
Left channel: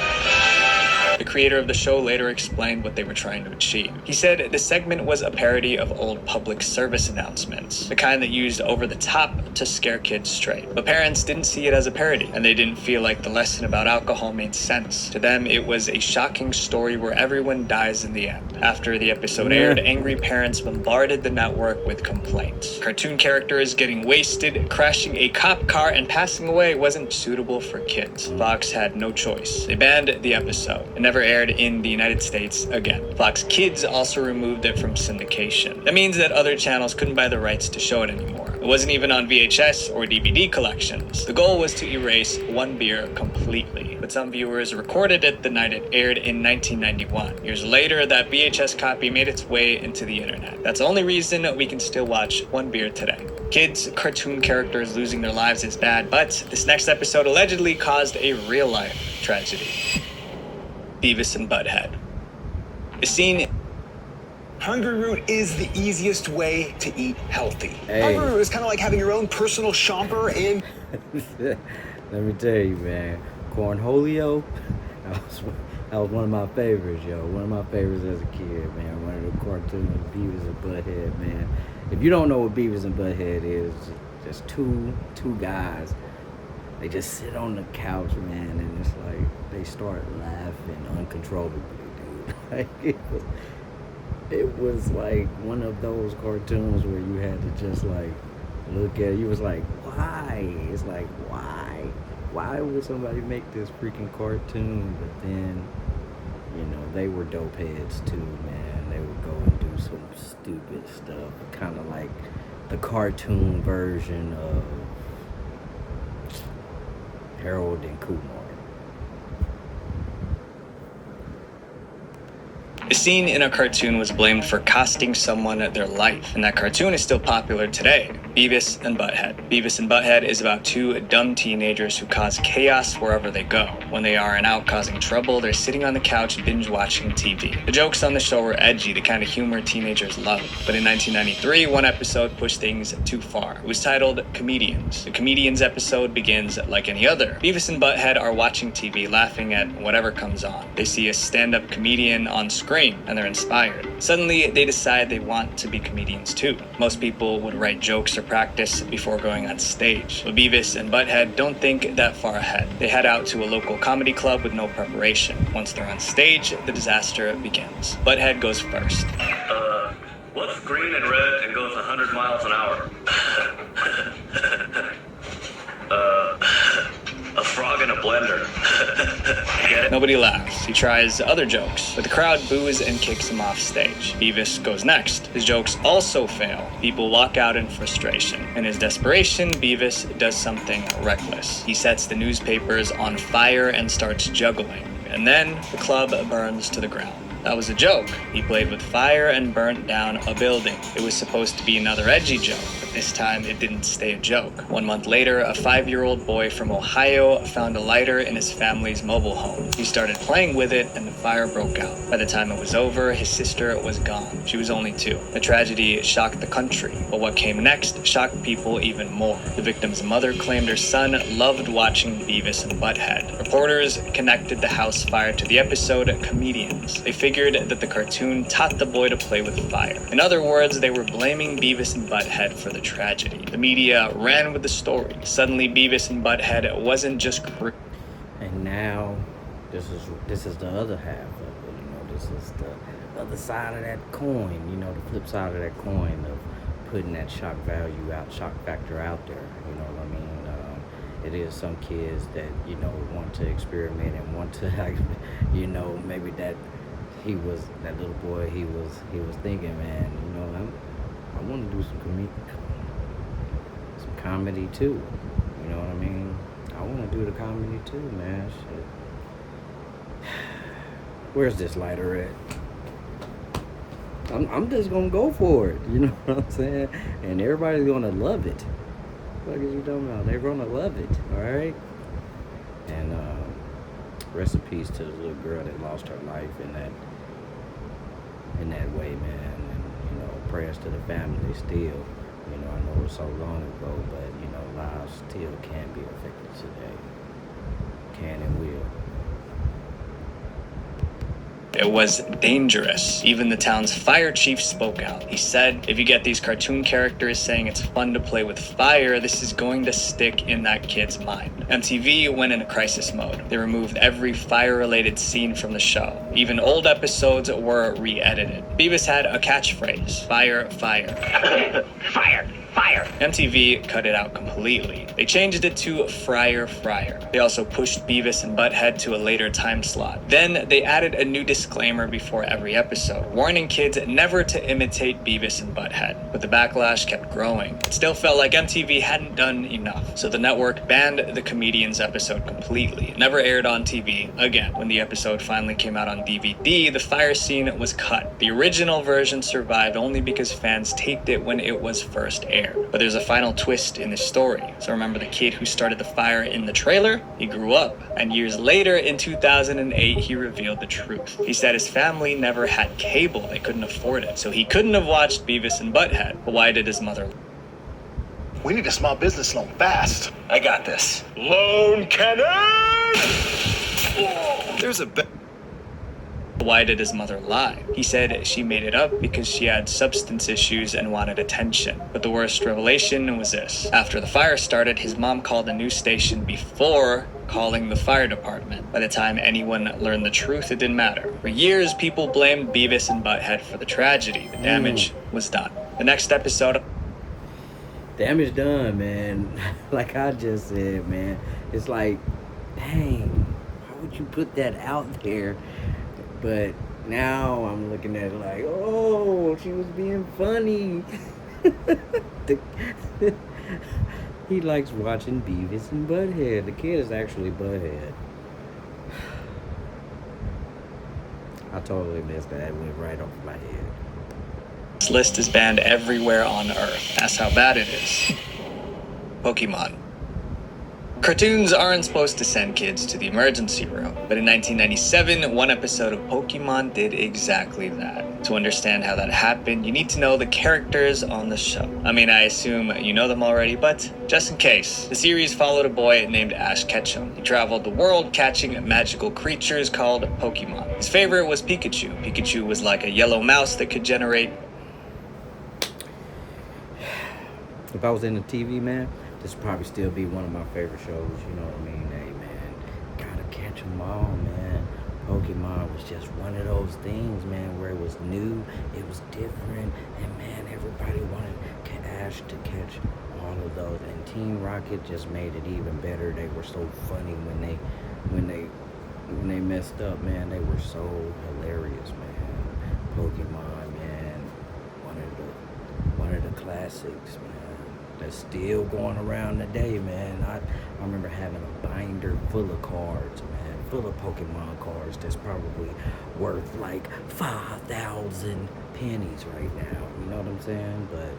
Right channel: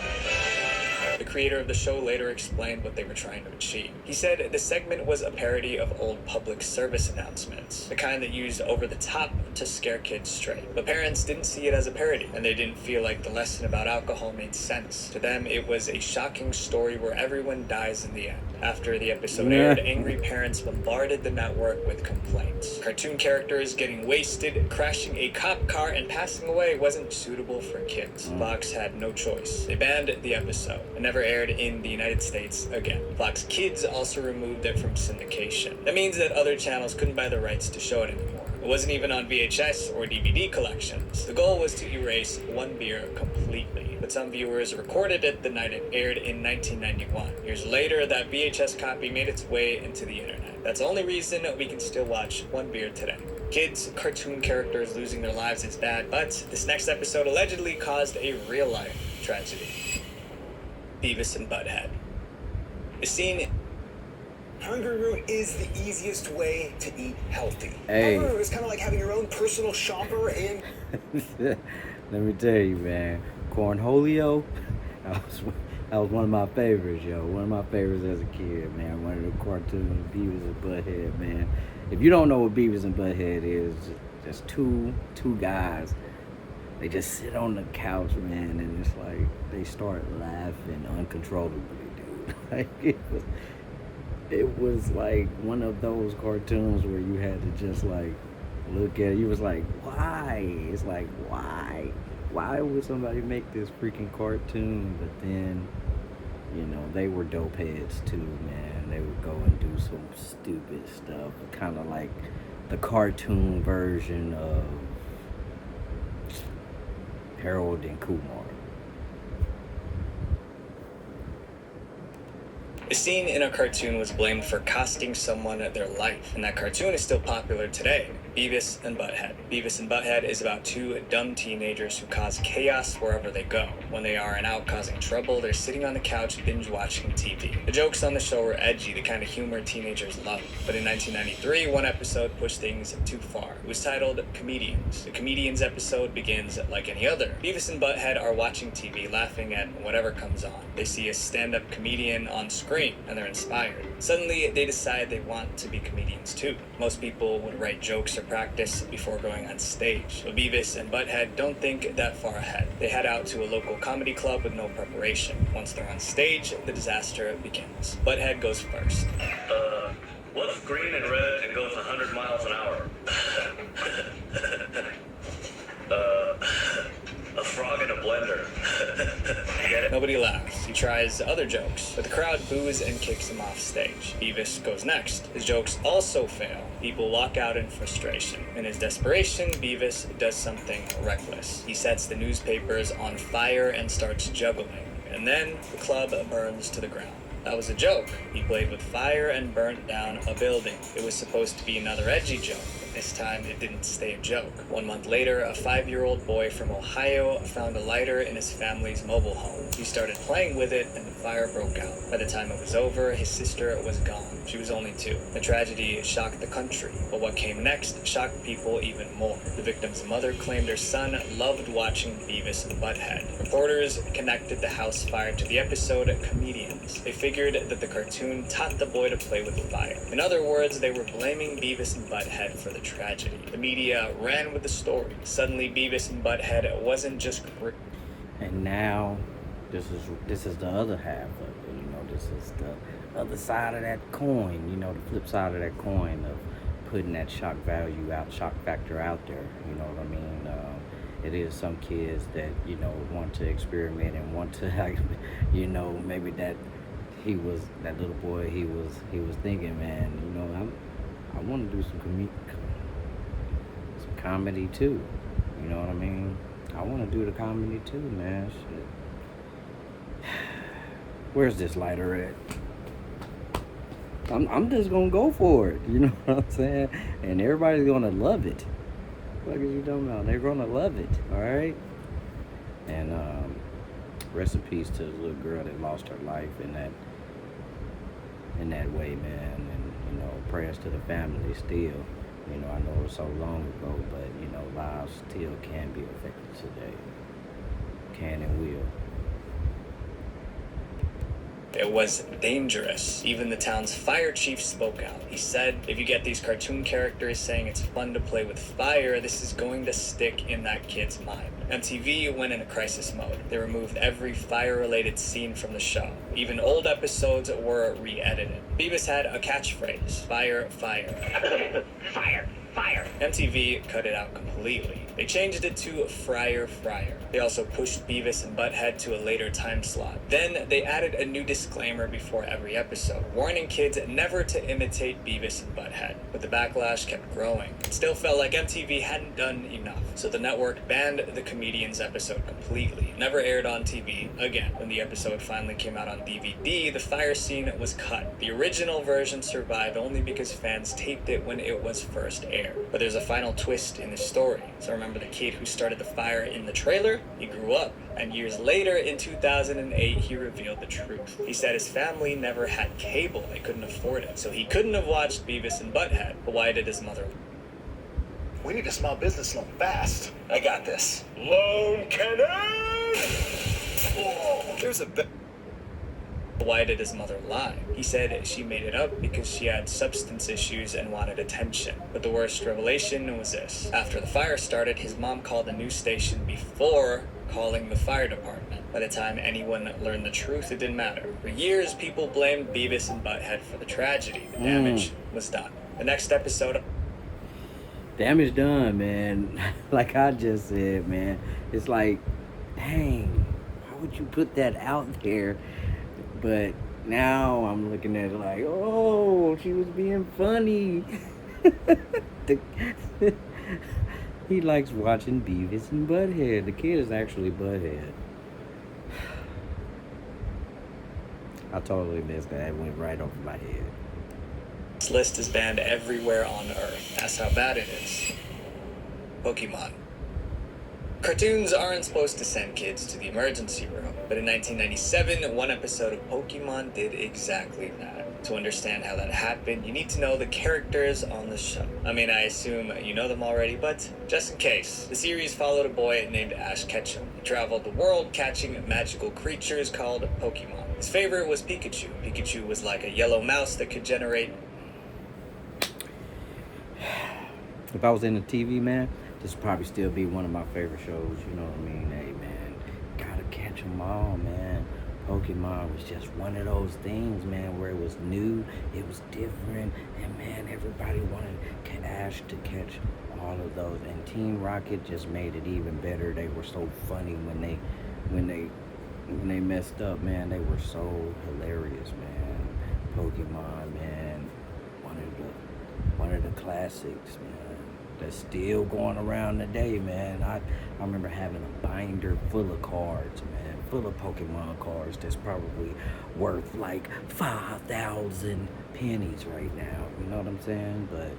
The creator of the show later explained what they were trying to achieve. He said the segment was a parody of old public service announcements, the kind that used over the top to scare kids straight. But parents didn't see it as a parody, and they didn't feel like the lesson about alcohol made sense. To them, it was a shocking story where everyone dies in the end. After the episode aired, angry parents bombarded the network with complaints. Cartoon characters getting wasted, crashing a cop car, and passing away wasn't suitable for kids. Fox had no choice. They banned the episode. It never aired in the United States again. Fox Kids also removed it from syndication. That means that other channels couldn't buy the rights to show it anymore. It wasn't even on VHS or DVD collections. The goal was to erase One Beer completely, but some viewers recorded it the night it aired in 1991. Years later, that VHS copy made its way into the internet. That's the only reason we can still watch One Beer today. Kids, cartoon characters losing their lives is bad, but this next episode allegedly caused a real-life tragedy. Beavis and Butthead. The scene... Hungry Root is the easiest way to eat healthy. Hey. Hungry Root is kind of like having your own personal shopper in... Let me tell you, man. Cornholio, that was one of my favorites, yo. One of my favorites as a kid, man. One of the cartoons, Beavis and Butthead, man. If you don't know what Beavis and Butthead is, just two guys. They just sit on the couch, man, and it's like they start laughing uncontrollably, dude. Like it was like one of those cartoons where you had to just like look at it. You was like, why? It's like, why? Why would somebody make this freaking cartoon? But then, you know, they were dope heads too, man. They would go and do some stupid stuff, kind of like the cartoon version of Harold and Kumar. The scene in a cartoon was blamed for costing someone their life, and that cartoon is still popular today. Beavis and Butthead. Beavis and Butthead is about 2 dumb teenagers who cause chaos wherever they go. When they aren't out causing trouble, they're sitting on the couch binge-watching TV. The jokes on the show were edgy, the kind of humor teenagers love. But in 1993, one episode pushed things too far. It was titled Comedians. The Comedians episode begins like any other. Beavis and Butthead are watching TV, laughing at whatever comes on. They see a stand-up comedian on screen, and they're inspired. Suddenly, they decide they want to be comedians too. Most people would write jokes or practice before going on stage. But Beavis and Butthead don't think that far ahead. They head out to a local comedy club with no preparation. Once they're on stage, the disaster begins. Butthead goes first. What's green and red and goes 100 miles an hour? A frog in a blender. No Nobody laughs. He tries other jokes, but the crowd boos and kicks him off stage. Beavis goes next. His jokes also fail. People walk out in frustration. In his desperation, Beavis does something reckless. He sets the newspapers on fire and starts juggling. And then the club burns to the ground. That was a joke. He played with fire and burnt down a building. It was supposed to be another edgy joke, but this time it didn't stay a joke. 1 month later, a 5-year-old boy from Ohio found a lighter in his family's mobile home. He started playing with it and the fire broke out. By the time it was over, his sister was gone. She was only 2. The tragedy shocked the country, but what came next shocked people even more. The victim's mother claimed her son loved watching Beavis and Butthead. Reporters connected the house fire to the episode Comedians. They figured that the cartoon taught the boy to play with fire. In other words, they were blaming Beavis and Butthead for the tragedy. The media ran with the story. Suddenly, Beavis and Butthead wasn't just And now, this is the other half of it. You know, this is the other side of that coin. You know, the flip side of that coin of putting that shock factor out there. You know what I mean? It is some kids that, you know, want to experiment and want to, like, you know, maybe that little boy, he was thinking, man, you know, I want to do some comedy too. You know what I mean? I want to do the comedy too, man. Shit. Where's this lighter at? I'm just gonna go for it. You know what I'm saying? And everybody's gonna love it. What is you talking about? They're gonna love it. All right. And rest in peace to the little girl that lost her life in that way, man. And, you know, prayers to the family still. You know, I know it was so long ago, but, you know, lives still can be affected today. Can and will. It was dangerous. Even the town's fire chief spoke out. He said, if you get these cartoon characters saying it's fun to play with fire, this is going to stick in that kid's mind. MTV went into crisis mode. They removed every fire-related scene from the show. Even old episodes were re-edited. Beavis had a catchphrase, fire, fire. Fire, fire. MTV cut it out completely. They changed it to Fryer Fryer. They also pushed Beavis and Butthead to a later time slot. Then they added a new disclaimer before every episode, warning kids never to imitate Beavis and Butthead. But the backlash kept growing. It still felt like MTV hadn't done enough, so the network banned the Comedians episode completely. It never aired on TV again. When the episode finally came out on DVD, the fire scene was cut. The original version survived only because fans taped it when it was first aired. But there's a final twist in the story. So remember the kid who started the fire in the trailer? He grew up, and years later in 2008 he revealed the truth. He said his family never had cable, they couldn't afford it, so he couldn't have watched Beavis and Butthead. But why did his mother? We need a small business loan fast. I got this. Loan cannon! There's a Why did his mother lie? He said she made it up because she had substance issues and wanted attention. But the worst revelation was this. After the fire started, his mom called a news station before calling the fire department. By the time anyone learned the truth, it didn't matter. For years, people blamed Beavis and Butthead for the tragedy. The damage was done. The next episode... Damage done, man. Like I just said, man. It's like, dang, why would you put that out there? But now I'm looking at it like, oh, she was being funny. He likes watching Beavis and Butthead. The kid is actually Butthead. I totally missed that. It went right off my head. This list is banned everywhere on Earth. That's how bad it is. Pokemon. Cartoons aren't supposed to send kids to the emergency room, but in 1997, one episode of Pokemon did exactly that. To understand how that happened, you need to know the characters on the show. I mean, I assume you know them already, but just in case. The series followed a boy named Ash Ketchum. He traveled the world catching magical creatures called Pokemon. His favorite was Pikachu. Pikachu was like a yellow mouse that could generate... If I was in the TV, man, this would probably still be one of my favorite shows. You know what I mean? Hey, man, gotta catch them all, man. Pokemon was just one of those things, man, where it was new, it was different, and man, everybody wanted Ash to catch all of those. And Team Rocket just made it even better. They were so funny when they when they messed up, man, they were so hilarious, man. Pokemon, man, one of the classics, man, that's still going around today, man. I remember having a binder full of cards, man, full of Pokemon cards that's probably worth like 5,000 pennies right now. You know what I'm saying? But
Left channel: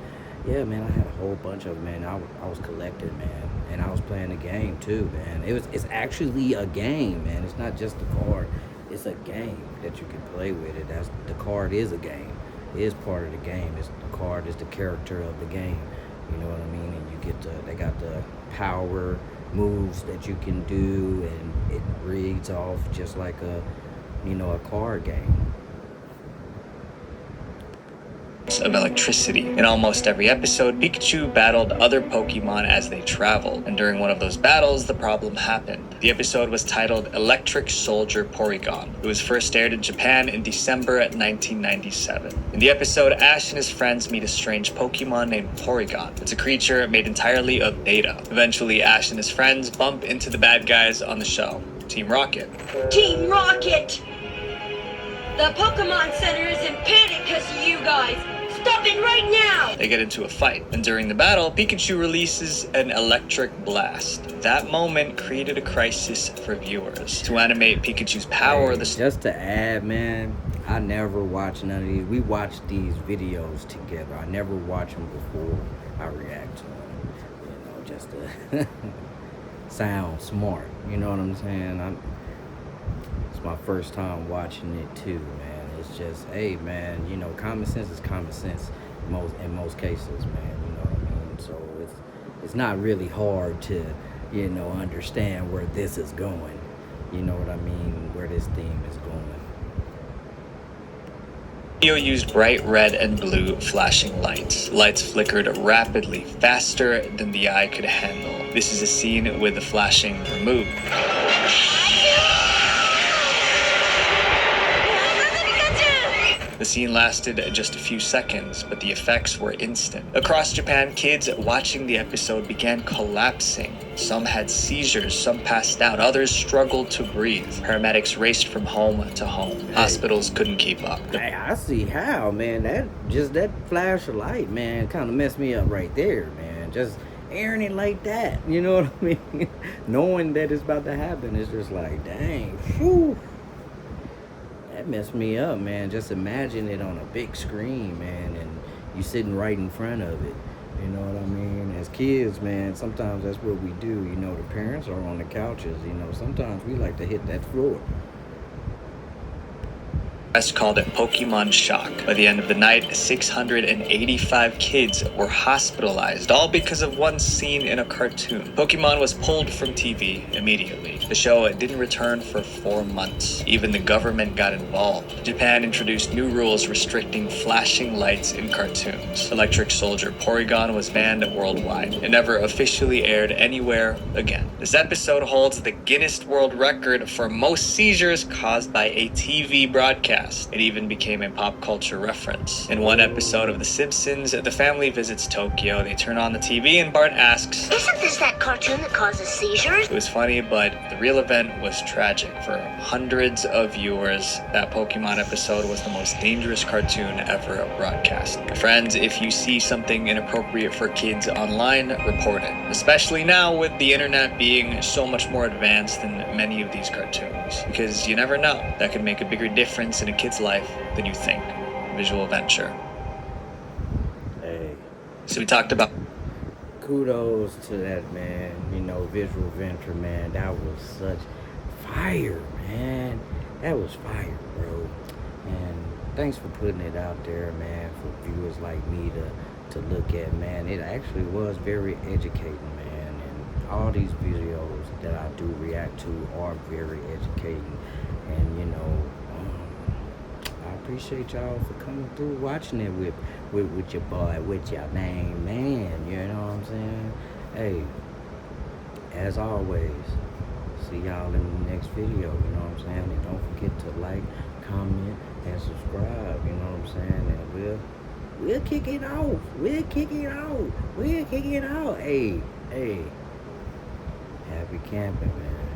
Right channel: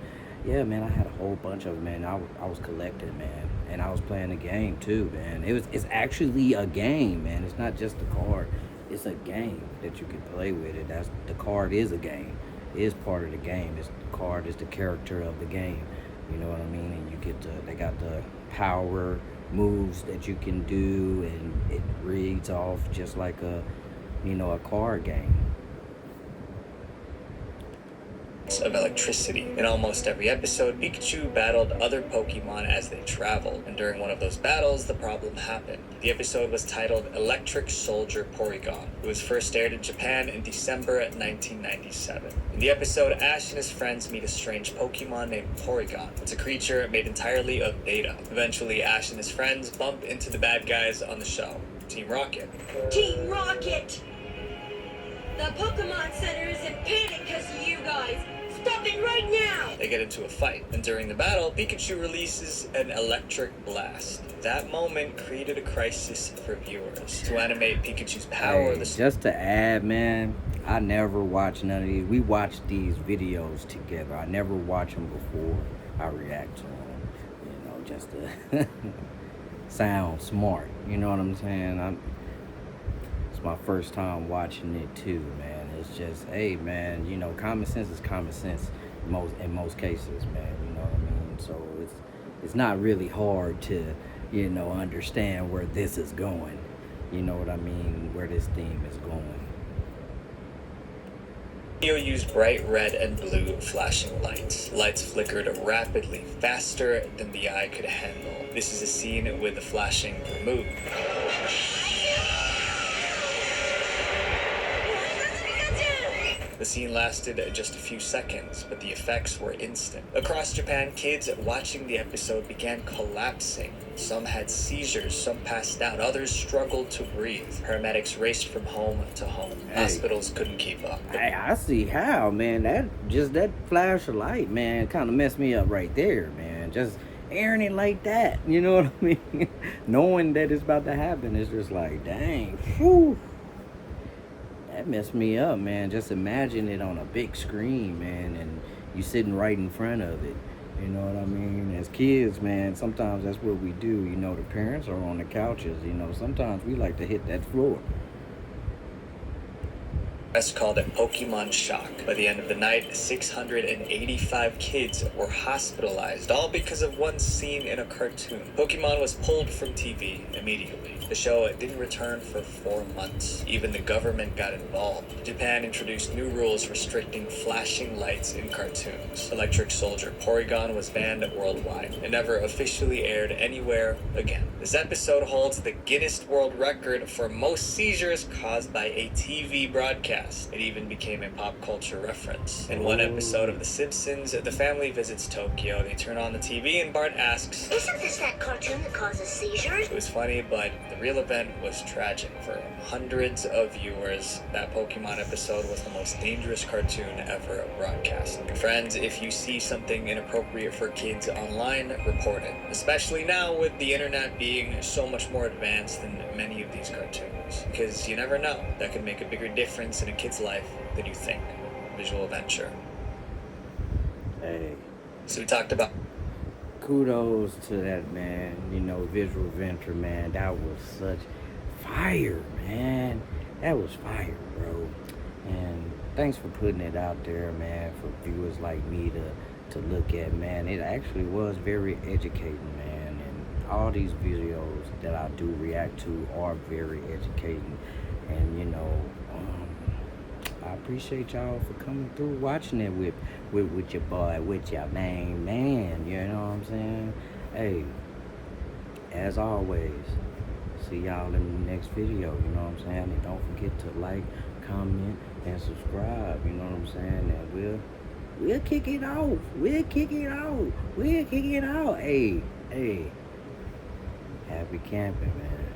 yeah, man, I had a whole bunch of them, man. I was collecting, man, and I was playing the game too, man. It's actually a game, man. It's not just a card. It's a game that you can play with it. The card is a game. It is part of the game. The card is the character of the game. You know what I mean? And they got the power moves that you can do, and it reads off just like a card game. Of electricity. In almost every episode, Pikachu battled other Pokemon as they traveled, and during one of those battles, the problem happened. The episode was titled Electric Soldier Porygon. It was first aired in Japan in December 1997. In the episode, Ash and his friends meet a strange Pokemon named Porygon. It's a creature made entirely of data. Eventually, Ash and his friends bump into the bad guys on the show, Team Rocket. Team Rocket! The Pokemon Center is in panic because of you guys. Stop it right now! They get into a fight, and during the battle, Pikachu releases an electric blast. That moment created a crisis for viewers. To animate Pikachu's power, just to add, man, I never watch none of these. We watch these videos together. I never watch them before I react to them. You know, just to sound smart. You know what I'm saying? It's my first time watching it too, man. It's just, hey, man, you know, common sense is common sense in most cases, man. You know what I mean? So it's not really hard to, you know, understand where this is going. You know what I mean? Where this theme is going. Video used bright red and blue flashing lights. Lights flickered rapidly, faster than the eye could handle. This is a scene with the flashing removed. The scene lasted just a few seconds, but the effects were instant. Across Japan, kids watching the episode began collapsing. Some had seizures, some passed out, others struggled to breathe. Paramedics raced from home to home. Hey. Hospitals couldn't keep up. Hey, I see how, man. That flash of light, man, kind of messed me up right there, man. Just airing it like that, you know what I mean? Knowing that it's about to happen, it's just like, dang, whew. That messed me up, man. Just imagine it on a big screen, man, and you sitting right in front of it. You know what I mean? As kids, man, sometimes that's what we do. You know, the parents are on the couches. You know, sometimes we like to hit that floor. Press called it Pokemon Shock. By the end of the night, 685 kids were hospitalized, all because of one scene in a cartoon. Pokemon was pulled from TV immediately. The show didn't return for 4 months. Even the government got involved. Japan introduced new rules restricting flashing lights in cartoons. Electric Soldier Porygon was banned worldwide. It never officially aired anywhere again. This episode holds the Guinness World Record for most seizures caused by a TV broadcast. It even became a pop culture reference. In one episode of The Simpsons, the family visits Tokyo. They turn on the TV and Bart asks, "Isn't this that cartoon that causes seizures?" It was funny, but the real event was tragic. For hundreds of viewers, that Pokemon episode was the most dangerous cartoon ever broadcast. Friends, if you see something inappropriate for kids online, report it. Especially now with the internet being so much more advanced than many of these cartoons. Because you never know, that could make a bigger difference in a kid's life than you think. Visual Venture. Hey. So we talked about... Kudos to that, man. You know, Visual Venture, man. That was such fire, man. That was fire, bro. And thanks for putting it out there, man, for viewers like me to look at, man. It actually was very educating, man. All these videos that I do react to are very educating, and you know, I appreciate y'all for coming through, watching it with your boy, with your main man. You know what I'm saying? Hey, as always, see y'all in the next video. You know what I'm saying? And don't forget to like, comment, and subscribe. You know what I'm saying? And we'll kick it off. We'll kick it out. We'll kick it out. Hey. Happy camping, man.